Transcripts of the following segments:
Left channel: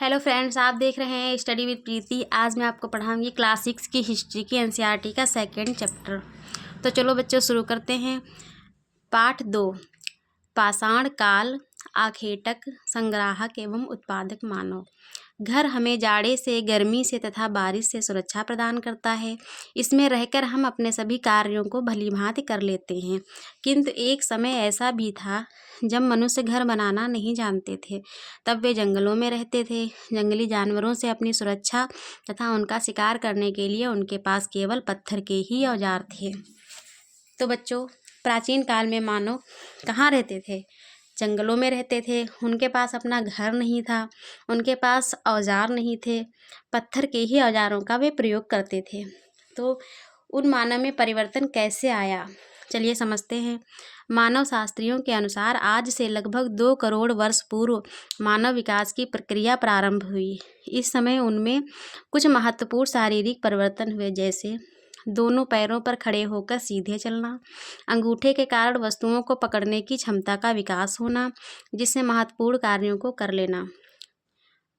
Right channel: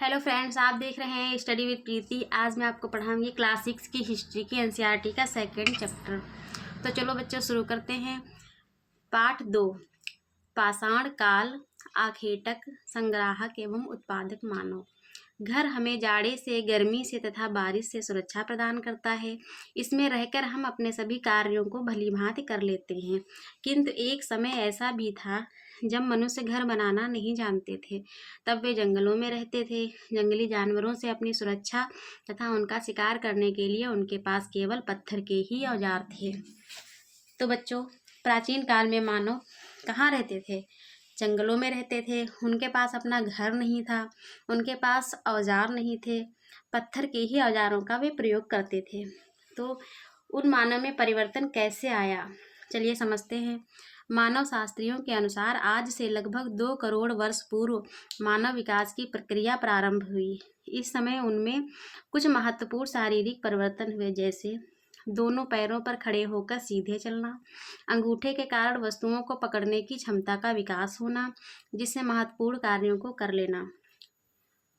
Hello friends, आप देख रहे हैं स्टडी विद प्रीति। आज मैं आपको पढ़ाऊंगी क्लास 6 की हिस्ट्री की एनसीईआरटी का सेकंड चैप्टर। तो चलो बच्चों शुरू करते हैं। पाठ 2, पाषाण काल, आखेटक, संग्राहक एवं उत्पादक मानव। घर हमें जाड़े से, गर्मी से तथा बारिश से सुरक्षा प्रदान करता है। इसमें रहकर हम अपने सभी कार्यों को भलीभांति कर लेते हैं। किंतु एक समय ऐसा भी था जब मनुष्य घर बनाना नहीं जानते थे। तब वे जंगलों में रहते थे। जंगली जानवरों से अपनी सुरक्षा तथा उनका शिकार करने के लिए उनके पास केवल पत्थर के ही औजार थे। तो बच्चों, प्राचीन काल में मानव कहाँ रहते थे? जंगलों में रहते थे। उनके पास अपना घर नहीं था, उनके पास औजार नहीं थे, पत्थर के ही औजारों का वे प्रयोग करते थे। तो उन मानव में परिवर्तन कैसे आया, चलिए समझते हैं। मानव शास्त्रियों के अनुसार आज से लगभग 2 करोड़ वर्ष पूर्व मानव विकास की प्रक्रिया प्रारंभ हुई। इस समय उनमें कुछ महत्वपूर्ण शारीरिक परिवर्तन हुए, जैसे दोनों पैरों पर खड़े होकर सीधे चलना, अंगूठे के कारण वस्तुओं को पकड़ने की क्षमता का विकास होना, जिससे महत्वपूर्ण कार्यों को कर लेना,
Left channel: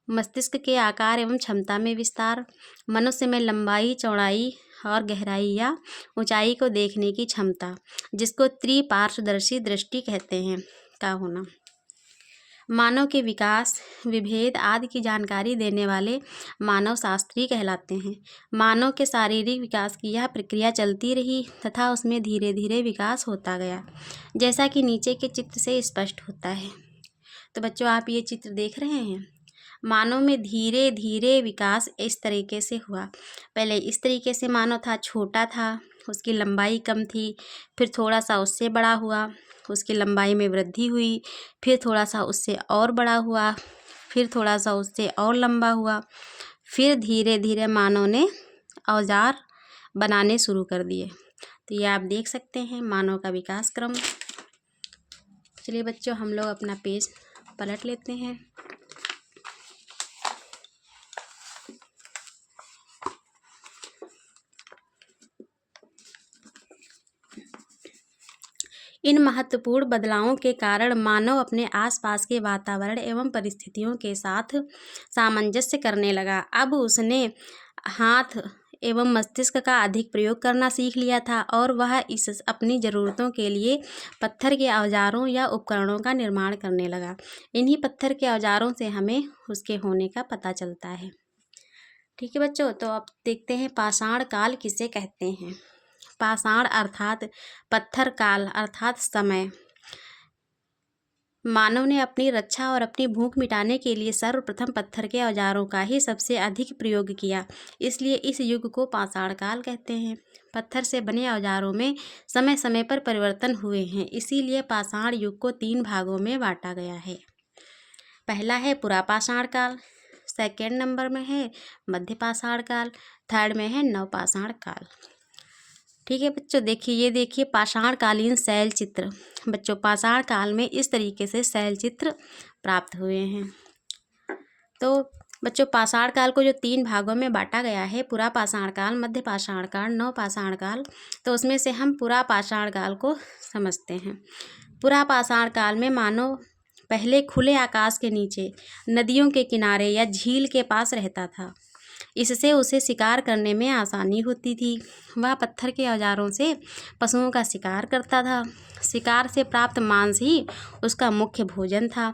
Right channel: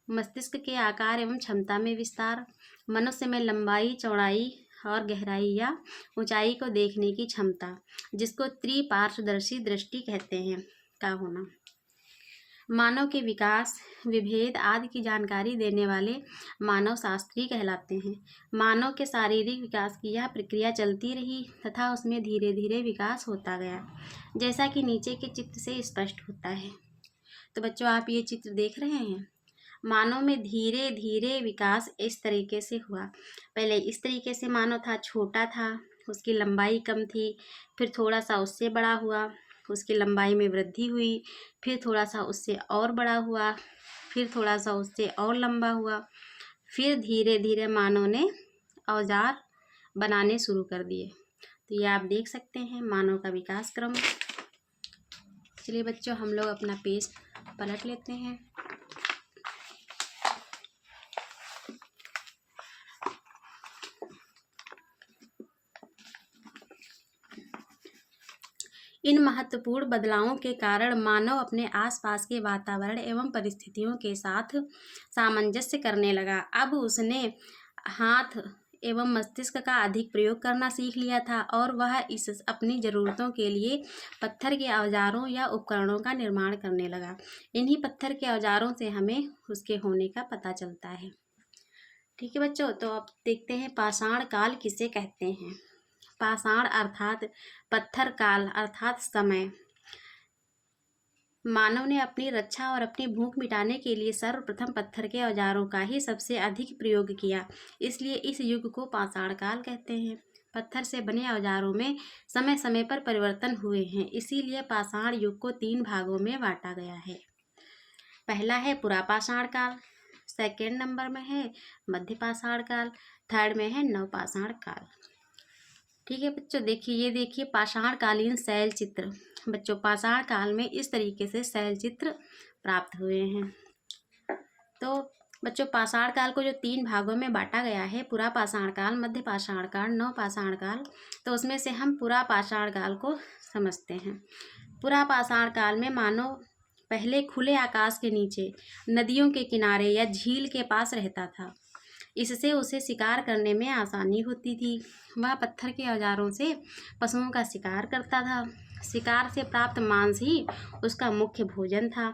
मस्तिष्क के आकार एवं क्षमता में विस्तार, मनुष्य में लंबाई, चौड़ाई और गहराई या ऊंचाई को देखने की क्षमता, जिसको त्रिपार्श्वदर्शी दृष्टि कहते हैं, का होना, मानव के विकास, विभेद आदि की जानकारी देने वाले मानव शास्त्री कहलाते हैं। मानव के शारीरिक विकास की यह प्रक्रिया चलती रही तथा उसमें धीरे धीरे विकास होता गया, जैसा कि नीचे के चित्र से स्पष्ट होता है। तो बच्चों, आप ये चित्र देख रहे हैं। मानव में धीरे धीरे विकास इस तरीके से हुआ। पहले इस तरीके से मानव था, छोटा था, उसकी लंबाई कम थी, फिर थोड़ा सा उससे बड़ा हुआ, उसकी लंबाई में वृद्धि हुई, फिर थोड़ा सा उससे और बड़ा हुआ, फिर थोड़ा सा उससे और लंबा हुआ, फिर धीरे धीरे मानव ने औजार बनाने शुरू कर दिए। तो ये आप देख सकते हैं मानव का विकास क्रम। चलिए बच्चों, हम लोग अपना पेज पलट लेते हैं। इन महत्वपूर्ण बदलावों के कारण मानव अपने आसपास के वातावरण एवं परिस्थितियों के साथ सामंजस्य करने लगा। अब उसने हाथ एवं मस्तिष्क का अधिक प्रयोग करना सीख लिया था और वह इस अपनी ज़रूरतों के लिए पत्थर के औजारों या उपकरणों का निर्माण करने लगा। इन्हीं पत्थर के औजारों से हमें उसके होने का पता चलता है। ठीक है बच्चों, तो अब देखते हैं पाषाण काल किसे कहते हैं। पाषाण अर्थात पत्थर काल अर्थात समय। मानव ने अपनी रक्षा और अपनी भूख मिटाने के लिए सर्वप्रथम पत्थर के औजारों का ही सबसे अधिक प्रयोग किया, इसलिए इस युग को पाषाण काल कहते हैं। पत्थर से बने औजारों में समय समय पर परिवर्तन हुए हैं, इसीलिए पाषाण युग को 3 भागों में बांटा गया है। पहला है पुरापाषाण काल, सेकेंड नंबर में है मध्य पाषाण काल, थर्ड में है नवपाषाण काल। ठीक है बच्चों, देखिए ये देखिए पाषाणकालीन शैल चित्र। बच्चों, पाषाण काल में इस तरीके से शैल चित्र प्राप्त हुए हैं। तो बच्चों, पाषाण काल को जो 3 भागों में बांटा गया है, पुरापाषाण काल, मध्य पाषाण काल, नवपाषाण काल, तो उसमें से हम पुरापाषाण काल को समझते हैं। पुरापाषाण काल में मानव पहले खुले आकाश के नीचे, नदियों के किनारे या झील के पास रहता था। इससे उसे शिकार करने में आसानी होती थी। वह पत्थर के औजारों से पशुओं का शिकार करता था। शिकार से प्राप्त मांस ही उसका मुख्य भोजन था।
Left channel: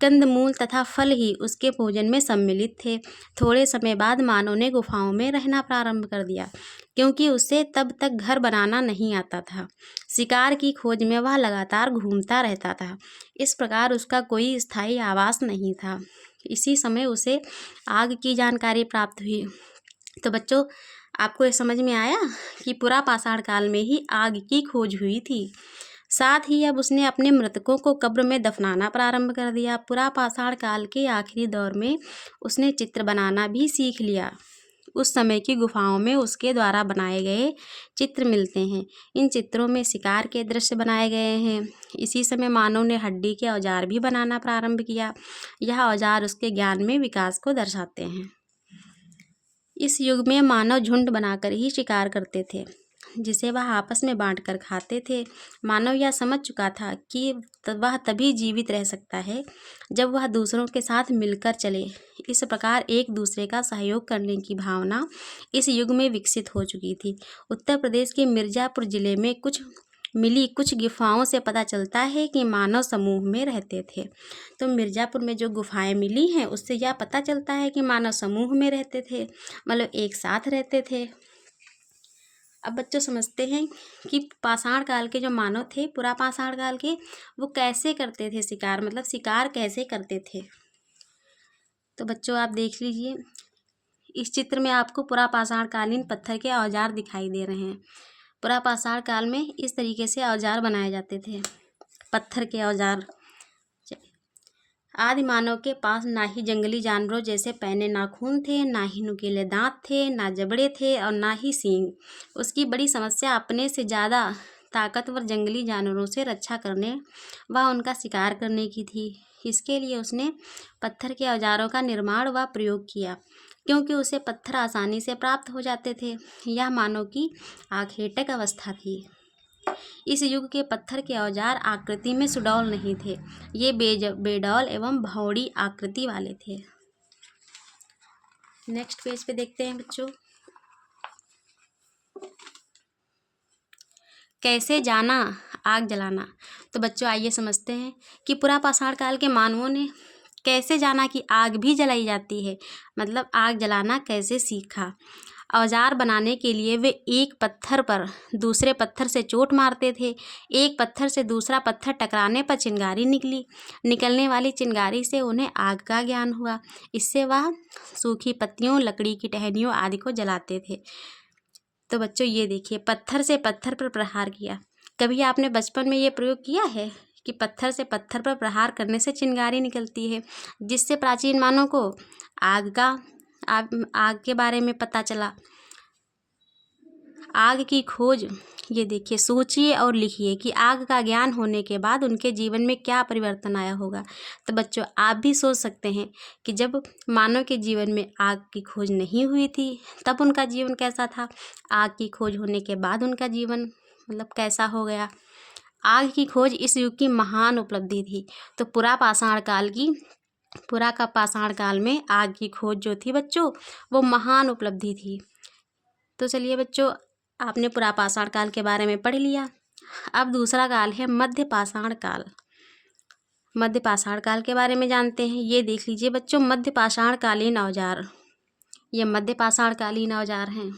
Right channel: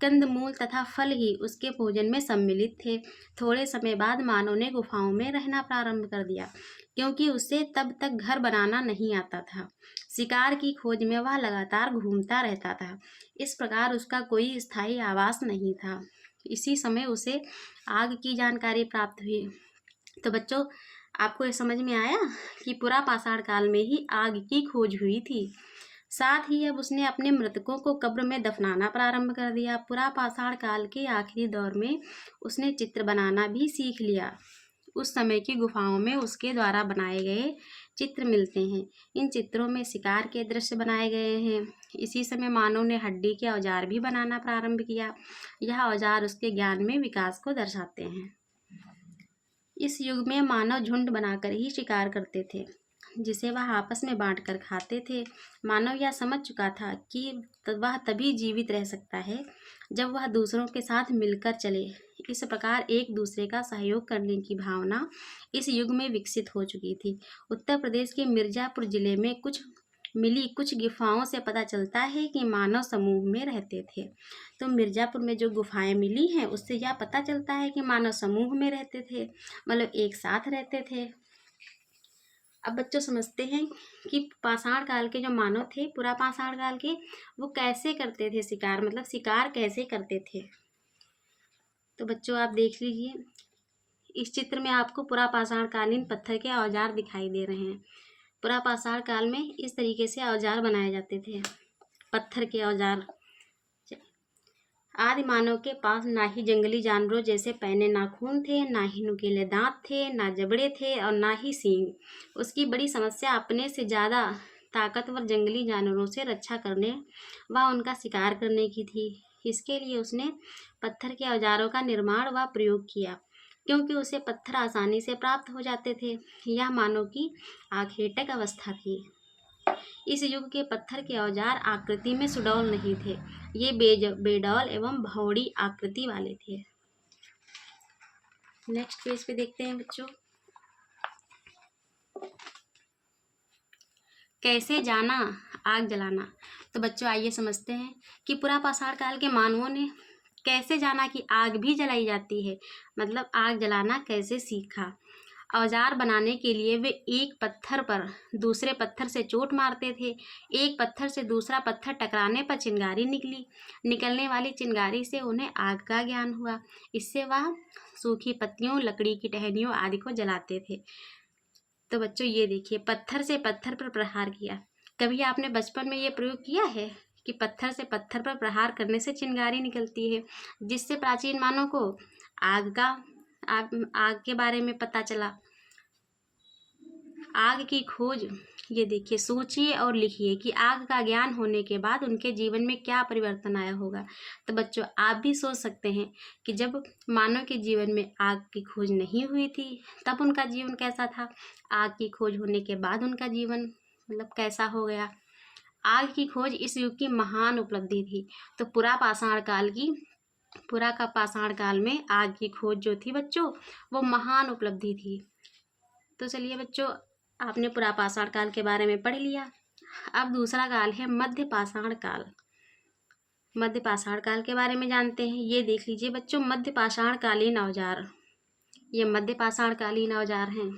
कंदमूल तथा फल ही उसके भोजन में सम्मिलित थे। थोड़े समय बाद मानव ने गुफाओं में रहना प्रारंभ कर दिया, क्योंकि उसे तब तक घर बनाना नहीं आता था। शिकार की खोज में वह लगातार घूमता रहता था। इस प्रकार उसका कोई स्थायी आवास नहीं था। इसी समय उसे आग की जानकारी प्राप्त हुई। तो बच्चों, आपको ये समझ में आया कि पुरापाषाण काल में ही आग की खोज हुई थी। साथ ही अब उसने अपने मृतकों को कब्र में दफनाना प्रारंभ कर दिया। पुरापाषाण काल के आखिरी दौर में उसने चित्र बनाना भी सीख लिया। उस समय की गुफाओं में उसके द्वारा बनाए गए चित्र मिलते हैं। इन चित्रों में शिकार के दृश्य बनाए गए हैं। इसी समय मानव ने हड्डी के औजार भी बनाना प्रारंभ किया। यह औजार उसके ज्ञान में विकास को दर्शाते हैं। इस युग में मानव झुंड बनाकर ही शिकार करते थे, जिसे वह आपस में बांटकर खाते थे। मानव यह समझ चुका था कि वह तभी जीवित रह सकता है जब वह दूसरों के साथ मिलकर चले। इस प्रकार एक दूसरे का सहयोग करने की भावना इस युग में विकसित हो चुकी थी। उत्तर प्रदेश के मिर्ज़ापुर जिले में मिली कुछ गुफाओं से पता चलता है कि मानव समूह में रहते थे। तो मिर्ज़ापुर में जो गुफाएं मिली हैं उससे यह पता चलता है कि मानव समूह में रहते थे, मतलब एक साथ रहते थे। अब बच्चों समझते हैं कि पाषाण काल के जो मानव थे, पुरा पाषाण काल के, वो कैसे करते थे शिकार, मतलब शिकार कैसे करते थे। तो बच्चों आप देख लीजिए, इस चित्र में आपको पुरा पाषाण कालीन पत्थर के औजार दिखाई दे रहे हैं। पुरा पाषाण काल में इस तरीके से औजार बनाए जाते थे, पत्थर के औजार। आदि मानव के पास ना ही जंगली जानवरों जैसे पैने नाखून थे, ना ही नुकीले दांत थे, ना जबड़े थे और ना ही सींग। उसकी बड़ी समस्या अपने से ज़्यादा ताकतवर जंगली जानवरों से रक्षा करने व उनका शिकार करने की थी। इसके लिए उसने पत्थर के औजारों का निर्माण व प्रयोग किया, क्योंकि उसे पत्थर आसानी से प्राप्त हो जाते थे। यह मानव की आखेटक अवस्था थी। इस युग के पत्थर के औजार आकृति में सुडौल नहीं थे, ये बेडौल एवं भौड़ी आकृति वाले थे। नेक्स्ट पेज पे देखते हैं बच्चों, कैसे जाना आग जलाना। तो बच्चों आइए समझते हैं कि पुरा पाषाण काल के मानवों ने कैसे जाना कि आग भी जलाई जाती है, मतलब आग जलाना कैसे सीखा। औजार बनाने के लिए वे एक पत्थर पर दूसरे पत्थर से चोट मारते थे। एक पत्थर से दूसरा पत्थर टकराने पर चिंगारी निकलने वाली चिंगारी से उन्हें आग का ज्ञान हुआ। इससे वह सूखी पत्तियों, लकड़ी की टहनियों आदि को जलाते थे। तो बच्चों ये देखिए, पत्थर से पत्थर पर प्रहार किया। कभी आपने बचपन में ये प्रयोग किया है कि पत्थर से पत्थर पर प्रहार करने से चिंगारी निकलती है, जिससे प्राचीन मानव को आग के बारे में पता चला। आग की खोज, ये देखिए, सोचिए और लिखिए कि आग का ज्ञान होने के बाद उनके जीवन में क्या परिवर्तन आया होगा। तो बच्चों आप भी सोच सकते हैं कि जब मानव के जीवन में आग की खोज नहीं हुई थी तब उनका जीवन कैसा था, आग की खोज होने के बाद उनका जीवन मतलब कैसा हो गया। आग की खोज इस युग की महान उपलब्धि थी। तो पुरा का पाषाण काल में आग की खोज जो थी बच्चों, वो महान उपलब्धि थी। तो चलिए बच्चों, आपने पुरा पाषाण काल के बारे में पढ़ लिया। अब दूसरा काल है मध्य पाषाण काल। मध्य पाषाण काल के बारे में जानते हैं। ये देख लीजिए बच्चों, मध्य पाषाण कालीन औजार, ये मध्य पाषाण कालीन औजार हैं।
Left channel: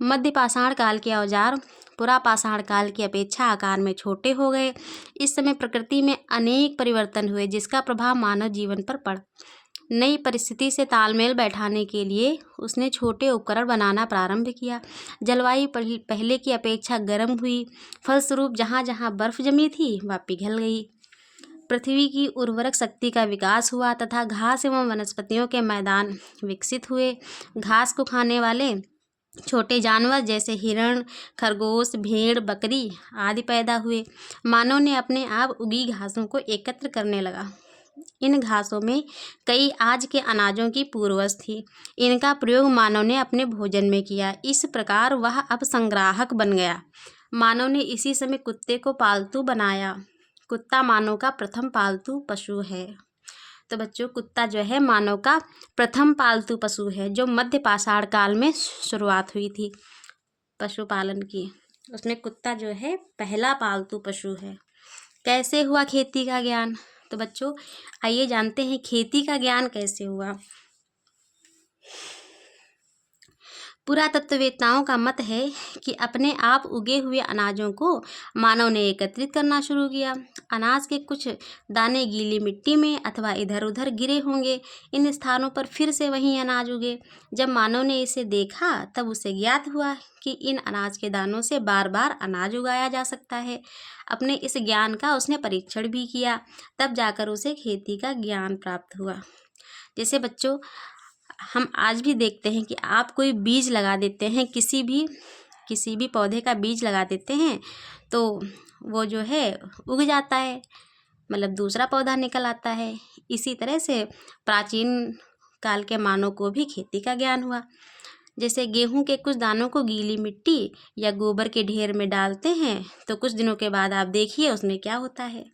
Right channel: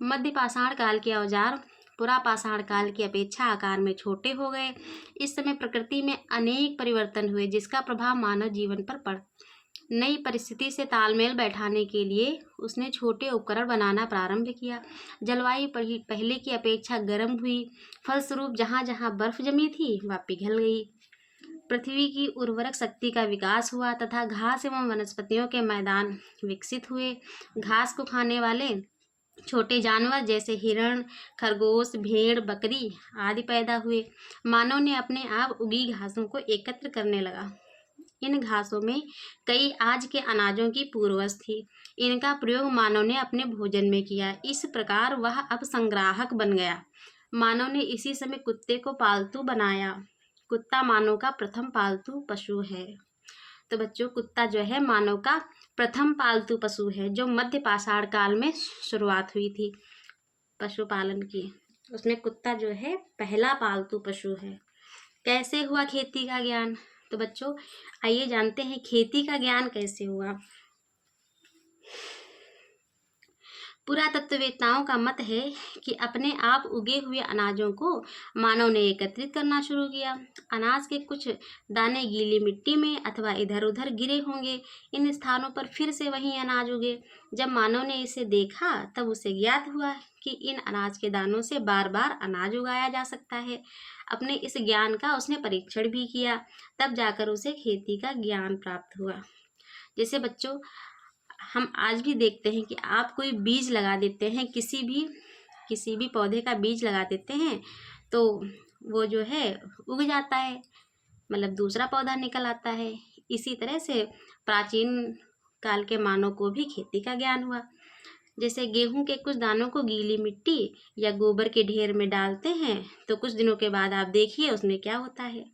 मध्य पाषाण काल के औजार पुरा पाषाण काल की अपेक्षा आकार में छोटे हो गए। इस समय प्रकृति में अनेक परिवर्तन हुए, जिसका प्रभाव मानव जीवन पर पड़ा। नई परिस्थिति से तालमेल बैठाने के लिए उसने छोटे उपकरण बनाना प्रारंभ किया। जलवायु पहले की अपेक्षा गर्म हुई, फलस्वरूप जहाँ जहाँ बर्फ जमी थी वह पिघल गई। पृथ्वी की उर्वरक शक्ति का विकास हुआ तथा घास एवं वनस्पतियों के मैदान विकसित हुए। घास को खाने वाले छोटे जानवर जैसे हिरण, खरगोश, भेड़, बकरी आदि पैदा हुए। मानव ने अपने आप उगी घासों को एकत्र करने लगा। इन घासों में कई आज के अनाजों की पूर्वज थी। इनका प्रयोग मानव ने अपने भोजन में किया। इस प्रकार वह अब संग्राहक बन गया। मानव ने इसी समय कुत्ते को पालतू बनाया। कुत्ता मानव का प्रथम पालतू पशु है। तो बच्चों कुत्ता जो है मानव का प्रथम पालतू पशु है, जो मध्य पाषाण काल में शुरुआत हुई थी पशुपालन की। उसमें कुत्ता जो है पहला पालतू पशु है। कैसे हुआ खेती का ज्ञान? तो बच्चों आइए जानते हैं खेती का ज्ञान कैसे हुआ। पुरातत्ववेत्ताओं का मत है कि अपने आप उगे हुए अनाजों को मानव ने एकत्रित करना शुरू किया। अनाज के कुछ दाने गीली मिट्टी में अथवा इधर उधर गिरे होंगे। इन स्थानों पर फिर से वही अनाज उगे। जब मानव ने इसे देखा तब उसे ज्ञात हुआ कि इन अनाज के दानों से बार बार अनाज उगाया जा सकता है। अपने इस ज्ञान का उसने परीक्षण भी किया, तब जाकर उसे खेती का ज्ञान प्राप्त हुआ। जैसे बच्चों हम आज भी देखते हैं कि आप कोई बीज लगा देते हैं, किसी भी पौधे का बीज लगा देते हैं तो वो जो है उग जाता है, मतलब दूसरा पौधा निकल आता है। इसी तरह से प्राचीन काल के मानव को भी खेती का ज्ञान हुआ। जैसे गेहूं के कुछ दानों को गीली मिट्टी या गोबर के ढेर में डालते हैं तो कुछ दिनों के बाद आप देखिए उसमें क्या होता है।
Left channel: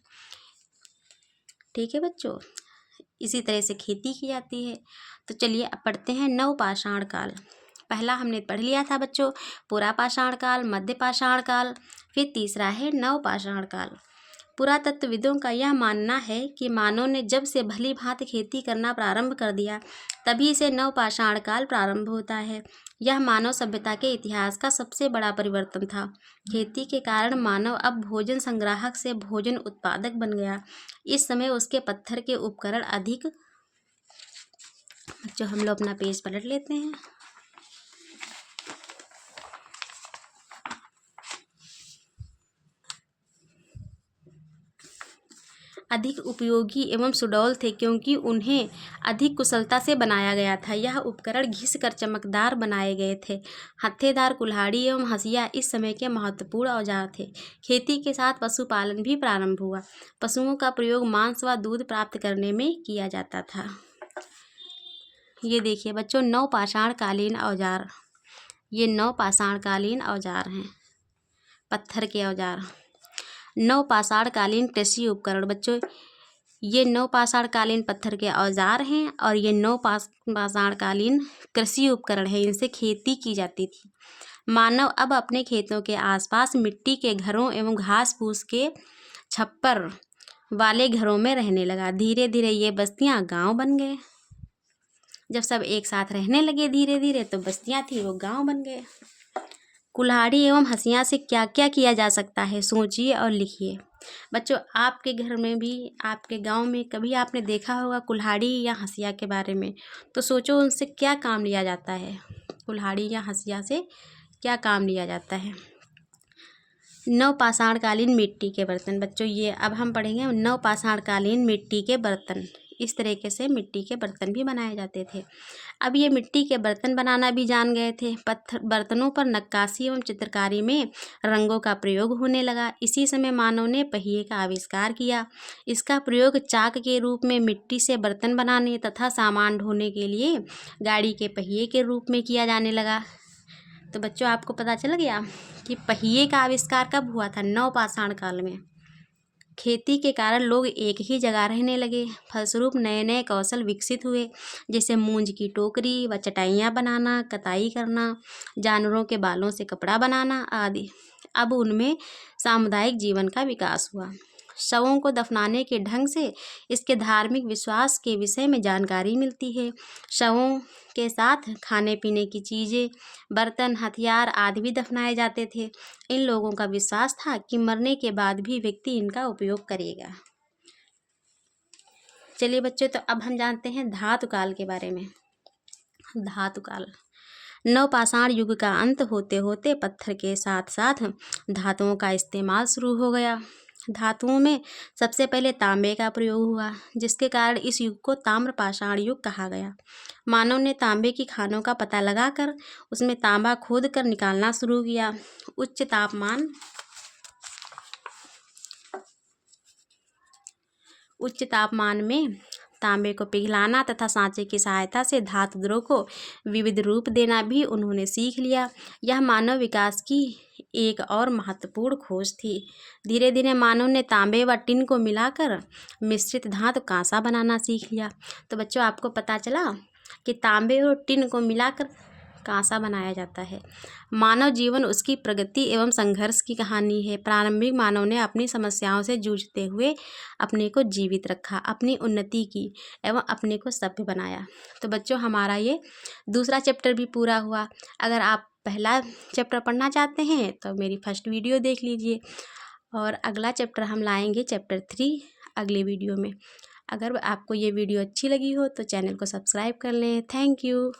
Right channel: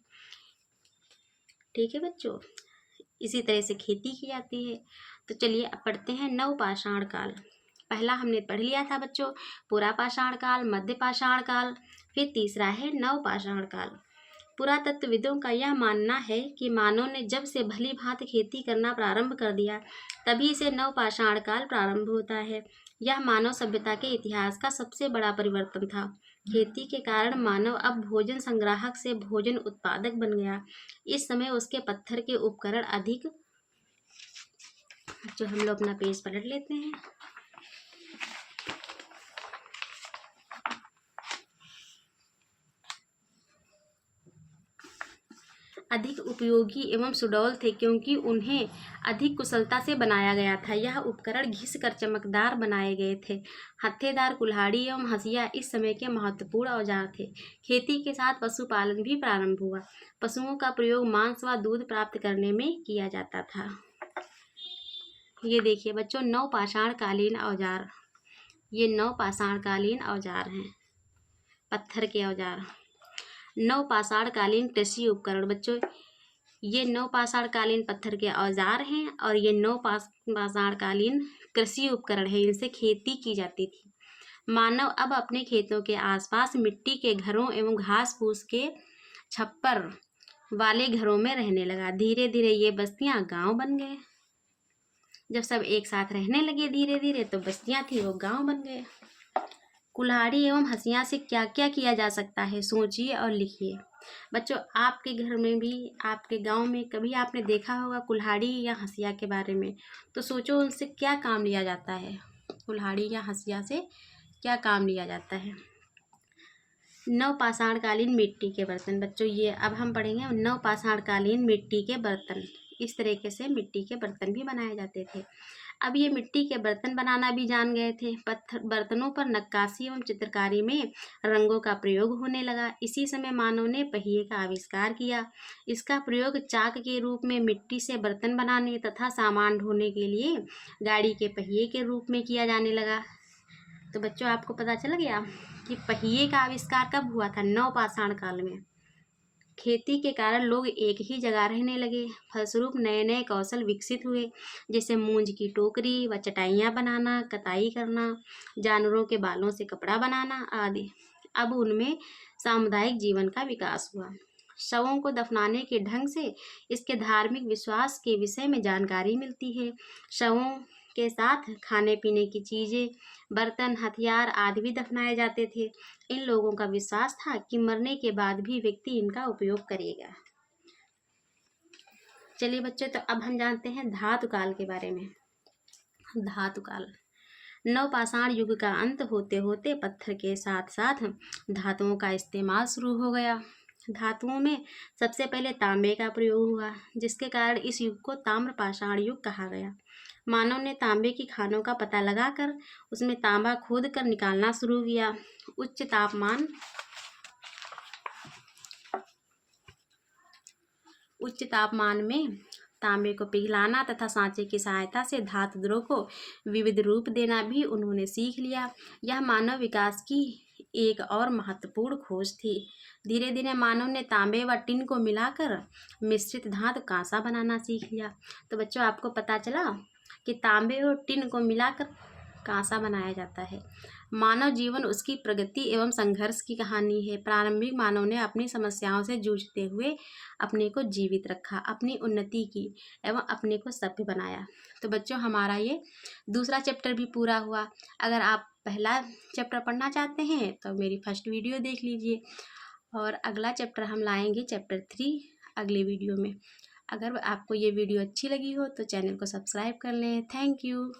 ठीक है बच्चों, इसी तरह से खेती की जाती है। तो चलिए अब पढ़ते हैं नवपाषाण काल। पहला हमने पढ़ लिया था बच्चों पुरापाषाण काल, मध्यपाषाण काल, फिर तीसरा है नवपाषाण काल। पुरातत्वविदों का यह मानना है कि मानव ने जब से भली भांति खेती करना प्रारंभ कर दिया तभी से नवपाषाण काल प्रारंभ होता है। यह मानव सभ्यता के इतिहास का सबसे बड़ा परिवर्तन था। खेती के कारण मानव अब भोजन संग्राहक से भोजन उत्पादक बन गया। इस समय उसके पत्थर के उपकरण अधिक। जो हम लोग अपना पेज पलट लेते हैं। अधिक उपयोगी एवं सुडौल थे क्योंकि उन्हें अधिक कुशलता से बनाया गया था। यह उपकरण घिस कर चमकदार बनाए गए थे। हत्थेदार कुल्हाड़ी एवं हंसिया इस समय के महत्वपूर्ण औजार थे। खेती के साथ पशुपालन भी प्रारंभ हुआ। पशुओं का प्रयोग मांस व दूध प्राप्त करने में किया जाता था। ये देखिए बच्चों नवपाषाण कालीन औजार। ये नवपाषाण कालीन औजार हैं, पत्थर के औजार। नवपाषाण कालीन कृषि उपकरण बच्चों, ये नवपाषाण कालीन पत्थर के औजार हैं और ये नवपाषाण कालीन कृषि उपकरण है। इनसे खेती की जाती थी। मानव अब अपने खेतों के आसपास मिट्टी के घरों एवं घास फूस के छप्पर वाले घरों में रहने लगा। धीरे धीरे ये बस्तियां गांव बन गए। जब सब एक साथ रहने लगे धीरे धीरे तो बस्तियां थी वो गांव बन गए। कुल्हाड़ी एवं हंसिया से क्या क्या किया जा सकता है, सोचिए और लिखिए। बच्चों आपके घर में भी, आपके गांव में कभी आपने देखा होगा कुल्हाड़ी या हंसिया के बारे में, तो सोचो उनसे क्या काम लिया जाता है। कुल्हाड़ी या हंसिया से क्या काम लिया जाता है। नवपाषाण कालीन मिट्टी के बर्तन बच्चों, ये अब हम पढ़ेंगे नवपाषाण कालीन मिट्टी के बर्तन। इस तरीके से मिट्टी के बर्तन भी बनाए जाते थे। अब ये मिट्टी के बर्तन बनाना भी जान गए थे। पत्थर बर्तनों पर नक्काशी एवं चित्रकारी में रंगों का प्रयोग होने लगा। इसी समय मानव ने पहिए का आविष्कार किया। इसका प्रयोग चाक के रूप में मिट्टी से बर्तन बनाने तथा सामान ढोने के लिए गाड़ी के पहिए के रूप में किया जाने लगा। तो बच्चों आपको पता चल गया कि पहिए का आविष्कार कब हुआ था, नवपाषाण काल में। खेती के कारण लोग एक ही जगह रहने लगे। फलस्वरूप नए नए कौशल विकसित हुए, जैसे मूंज की टोकरी व चटाइयाँ बनाना, कताई करना, जानवरों के बालों से कपड़ा बनाना आदि। अब उनमें सामुदायिक जीवन का विकास हुआ। शवों को दफनाने के ढंग से इसके धार्मिक विश्वास के विषय में जानकारी मिलती है। शवों के साथ खाने पीने की चीज़ें, बर्तन, हथियार आदि भी दफनाए जाते थे। इन लोगों का विश्वास था कि मरने के बाद भी व्यक्ति इनका उपयोग करेगा। चलिए बच्चों, तो अब हम जानते हैं धातु काल के बारे में। धातु काल, नवपाषाण युग का अंत होते होते पत्थर के साथ साथ धातुओं का इस्तेमाल शुरू हो गया। धातुओं में सबसे पहले तांबे का प्रयोग हुआ, जिसके कारण इस युग को ताम्रपाषाण युग कहा गया। मानव ने तांबे की खानों का पता लगाकर उसमें तांबा खोद कर निकालना शुरू किया। उच्च तापमान में तांबे को पिघलाना तथा सांचे की सहायता से धातु द्रव को विविध रूप देना भी उन्होंने सीख लिया। यह मानव विकास की एक और महत्वपूर्ण खोज थी। धीरे धीरे मानव ने तांबे व टिन को मिलाकर मिश्रित धातु कांसा बनाना सीख लिया। तो बच्चों आपको पता चला कि तांबे और टिन को मिलाकर कांसा बनाया जाता है। मानव जीवन उसकी प्रगति एवं संघर्ष की कहानी है। प्रारंभिक मानव ने अपनी समस्याओं से जूझते हुए अपने को जीवित रखा, अपनी उन्नति की एवं अपने को सभ्य बनाया। तो बच्चों हमारा ये दूसरा चैप्टर भी पूरा हुआ। अगर आप पहला चैप्टर पढ़ना चाहते हैं तो मेरी फर्स्ट वीडियो देख लीजिए, और अगला चैप्टर हम लाएंगे चैप्टर 3 अगले वीडियो में। अगर आपको ये वीडियो अच्छी लगी हो तो चैनल को सब्सक्राइब कर लें। Thank you.